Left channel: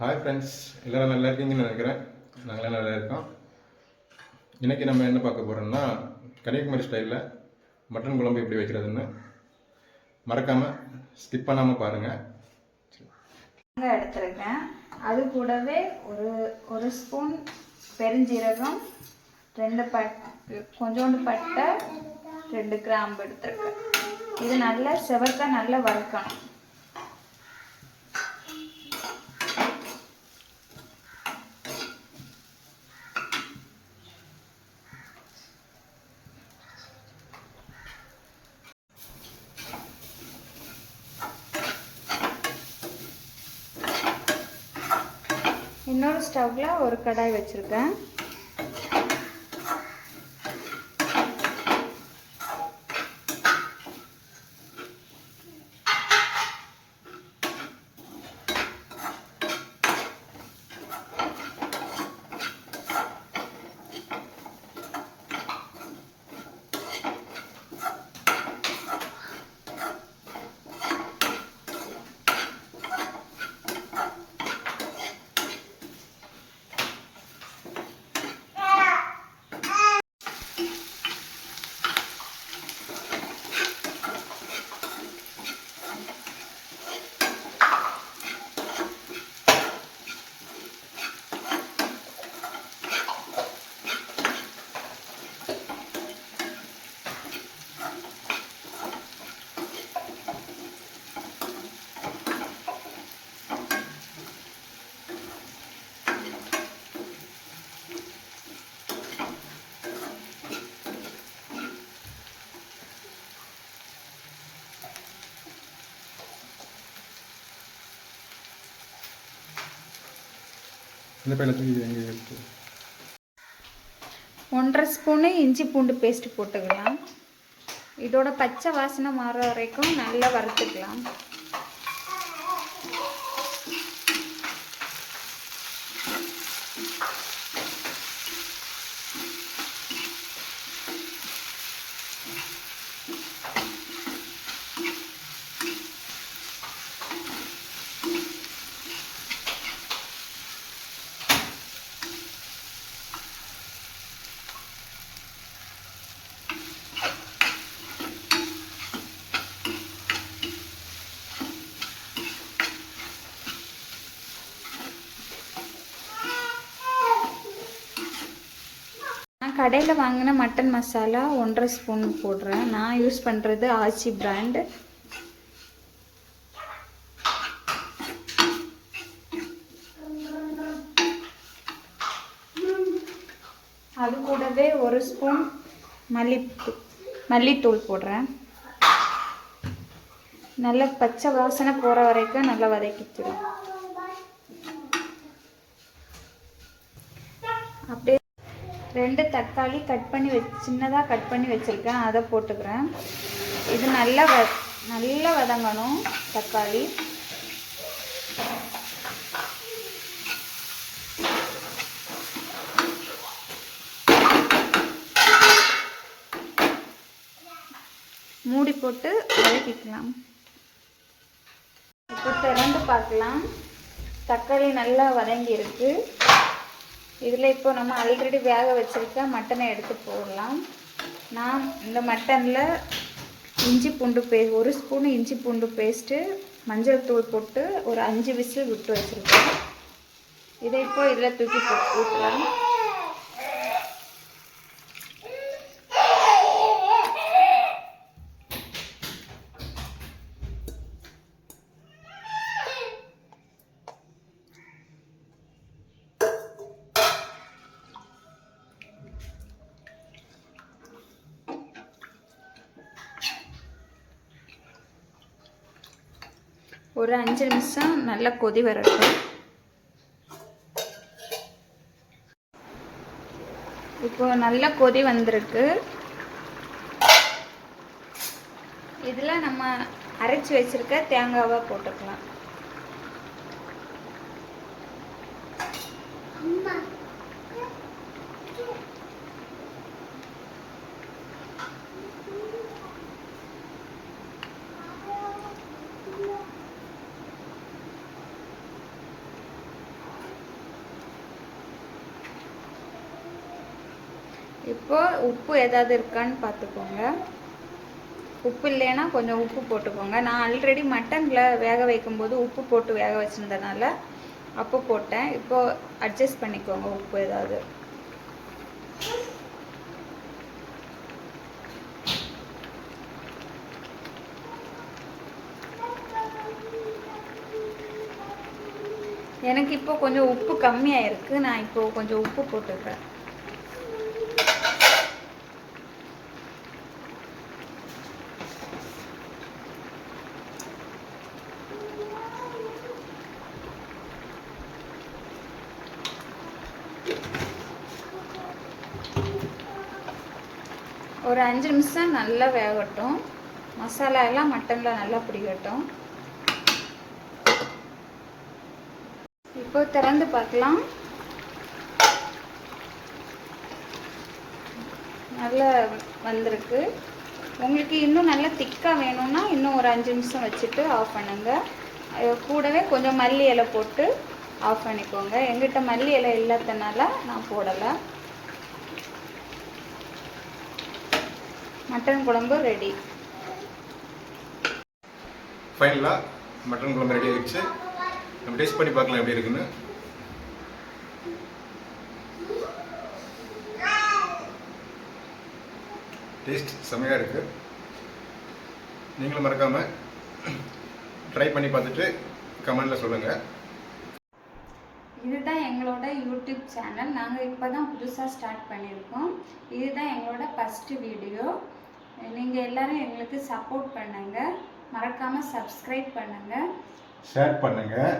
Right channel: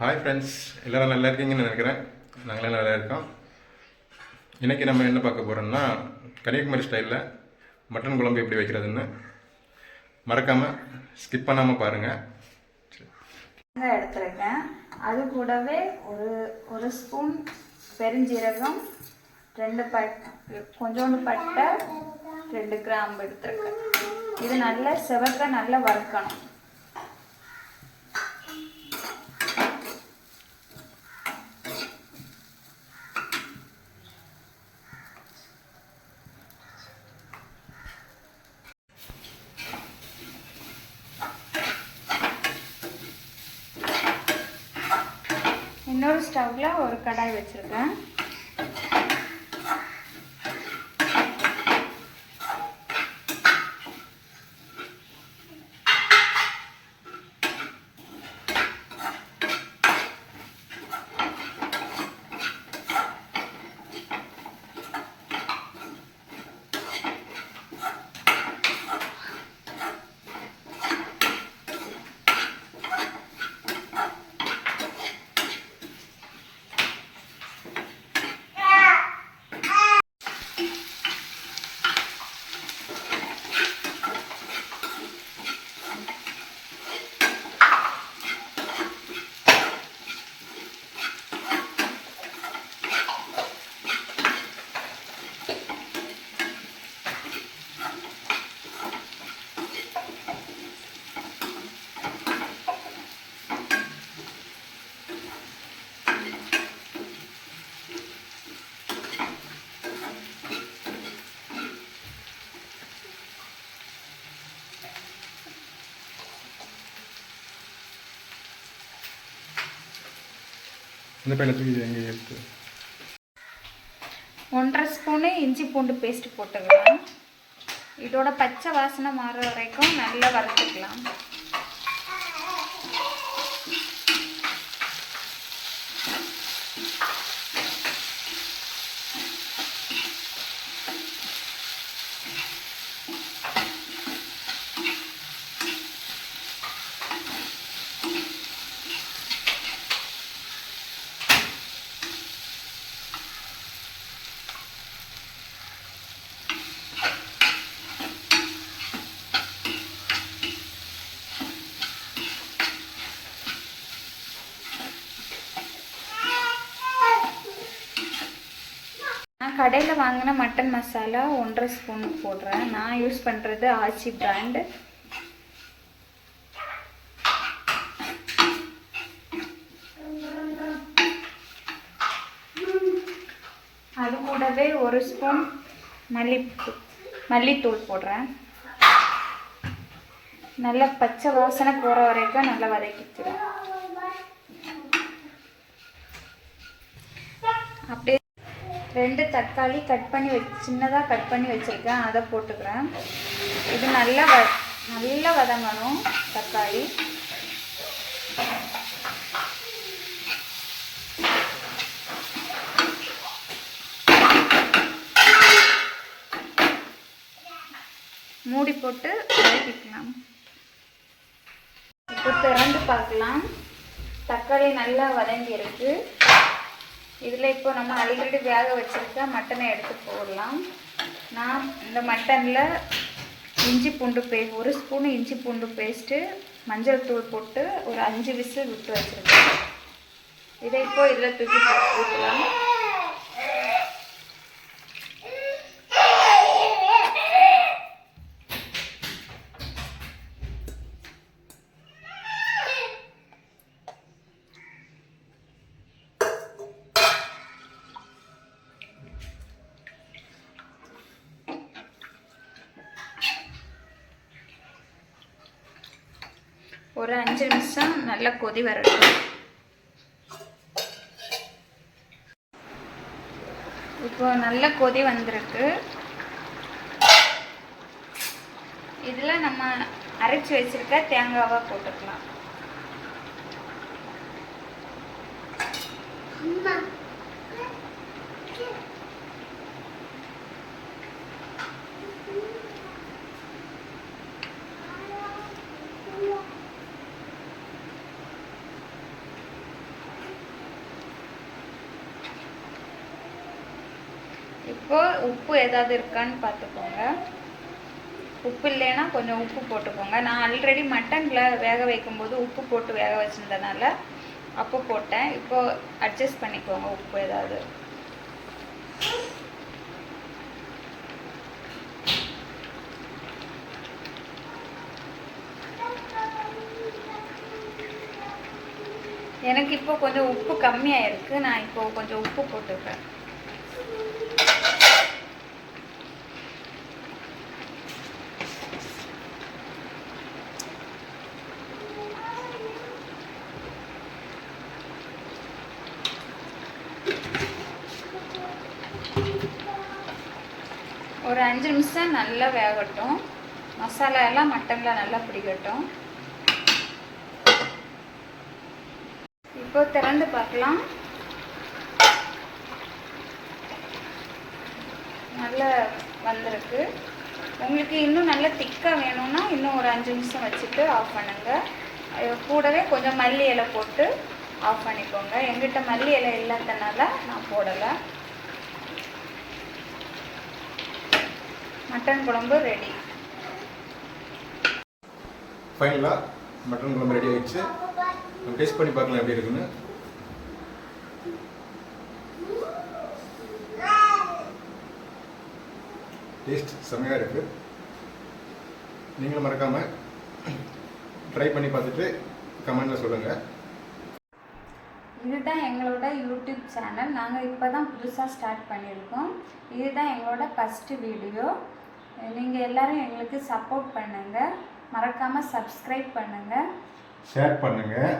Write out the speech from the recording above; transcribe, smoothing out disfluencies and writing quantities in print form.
Hi friends, எல்லோரும் நல்லா இருக்கீங்கன்னு நினைக்கிறேன். நாங்களே நல்லா இருக்கோம். இன்றைக்கி நம்ம என்ன பார்க்க போகிறோம்னா, கன்னியாகுமரி ஸ்டைலில் மட்டன் குழம்பு எப்படி வைக்கிறதுன்னு மறக்காமல் ஸ்கிப் பண்ணாமல் பாருங்கள். எடுத்துருக்கேன். அது கூடவே ஒரு ஸ்பூன் பெருஞ்சீரகம், கொஞ்சோண்டு பட்டை, 2 கிராம்பு எடுத்துருக்கேன். இது நல்லா செவக்க நல்லா வறுக்கணும். இன்னொரு ஸ்டவ்வில் ஒரு கடாய் வச்சுருக்கேன். இந்த பையனத்துக்கு எங்கே எடுத்து 1.5 ஸ்பூனு இஞ்சி பூண்டு பேஸ்ட் போட்டுக்கலாம். இதோட பச்சை வாசனை மாறுற வரைக்கும் நல்லா வறுத்துக்கலாம். கடையில் வாங்கின மட்டன் மசாலா 1.5 ஸ்பூன் போடுறேன். நான் யூஸ் பண்ணுறது ஆச்சி பிராண்ட். அது கூடவே 1 ஸ்பூன் மல்லித்தூள் போடுறேன். நல்லா பச்சை வாசனை போகிற வரைக்கும் நல்லா வதக்கிக்கிறேன். அப்படியே 2 தக்காளி சின்னதாக கட் பண்ணி வச்சுருக்கேன், அதை போட்டுக்கிறேன். இது நல்லா வதங்கணும். தக்காளி மூடி போட்டு வதக்கிக்கலாம். இப்போ திறந்து பார்க்கலாம். தக்காளி நல்லா வதங்கி இருக்கு. இதில் இப்போ நம்ம ஆல்ரெடி வேக வச்சுருக்க மட்டனை எடுத்து போடலாம். நான் இந்த மட்டனில் 1 ஸ்பூன் இஞ்சி பூண்டு பேஸ்ட்டு, மஞ்சள் தூள் போட்டு ஒரு 5 விசில் விட்டு வச்சுருக்கேன். இதை இப்போ இதில் தூக்கி ஊற்றலாம். ஒரு 5 நிமிஷம் நல்லா கொதி வரட்டும். இப்போ நல்ல கொதி வந்திருக்கு. இதில் நம்ம அரைச்சி வச்சிருக்க தேங்காவை போட்டுக்கலாம். இப்போ உப்பு ஏதாவது இருக்கான்னு பார்த்துக்கோங்க. உப்பு இல்லைன்னா கொஞ்சம் உப்பு போட்டுக்கோங்க. நான் ஆல்ரெடி மட்டனில் வேக வைக்கும்போது உப்பு போட்டு வேக வச்சுருந்தனால அப்போ போட்டேன். இப்போ அட்ஜஸ்ட் பண்ணிக்கோங்க உப்பு ஏதாவது. எனக்கு இப்போ கொஞ்சம் உப்பு கம்மியாக இருக்குது. நான் இப்போ கொஞ்சம் உப்பு போட்டுக்கிறேன். ஒரு 5 நிமிஷம் நல்லா வேகட்டும். மசாலா எல்லாம் மட்டனில் நல்லா பிடிக்கட்டும். இப்போ திறந்து பார்க்கலாம். நல்லா வந்திருக்கு. உங்களுக்கு இன்னும் நல்லா திக்காக வேணும்னா இன்னும் ஒரு 5 நிமிஷம் வச்சுட்டு ஆஃப் பண்ணுங்க. கூடவே கொஞ்சம் மல்லி இலை போட்டு ஆஃப் பண்ணிக்கோங்க. எங்கிட்ட மல்லி இலை இல்லாதனால நான் போடலை. மட்டன் குழம்பு ரெடி. ஃபைனலாக மட்டன் குழம்பு ரெடி ஆகிடுச்சு. நம்ம டேஸ்ட் பண்ணி பார்க்கலாம் எப்படி இருக்குன்னு. டேஸ்ட் செமையாக இருக்குது. நீங்களும் மறக்காமல் ட்ரை பண்ணி பார்த்துட்டு கமெண்டில் சொல்லுங்கள். இதுதான் எங்களோட யூடியூப் சேனல். நாங்கள் இப்போ தான் புதுசாக ஸ்டார்ட் பண்ணியிருக்கோம். இதுதான் எங்களோட ஃபஸ்ட்டு வீடியோ. நீங்கள் எல்லோரும் எங்களுக்கு சப்போர்ட் பண்ணுங்கள். மறக்காமல் சப்ஸ்கிரைப் பண்ணுங்கள், ஷேர் பண்ணுங்கள்.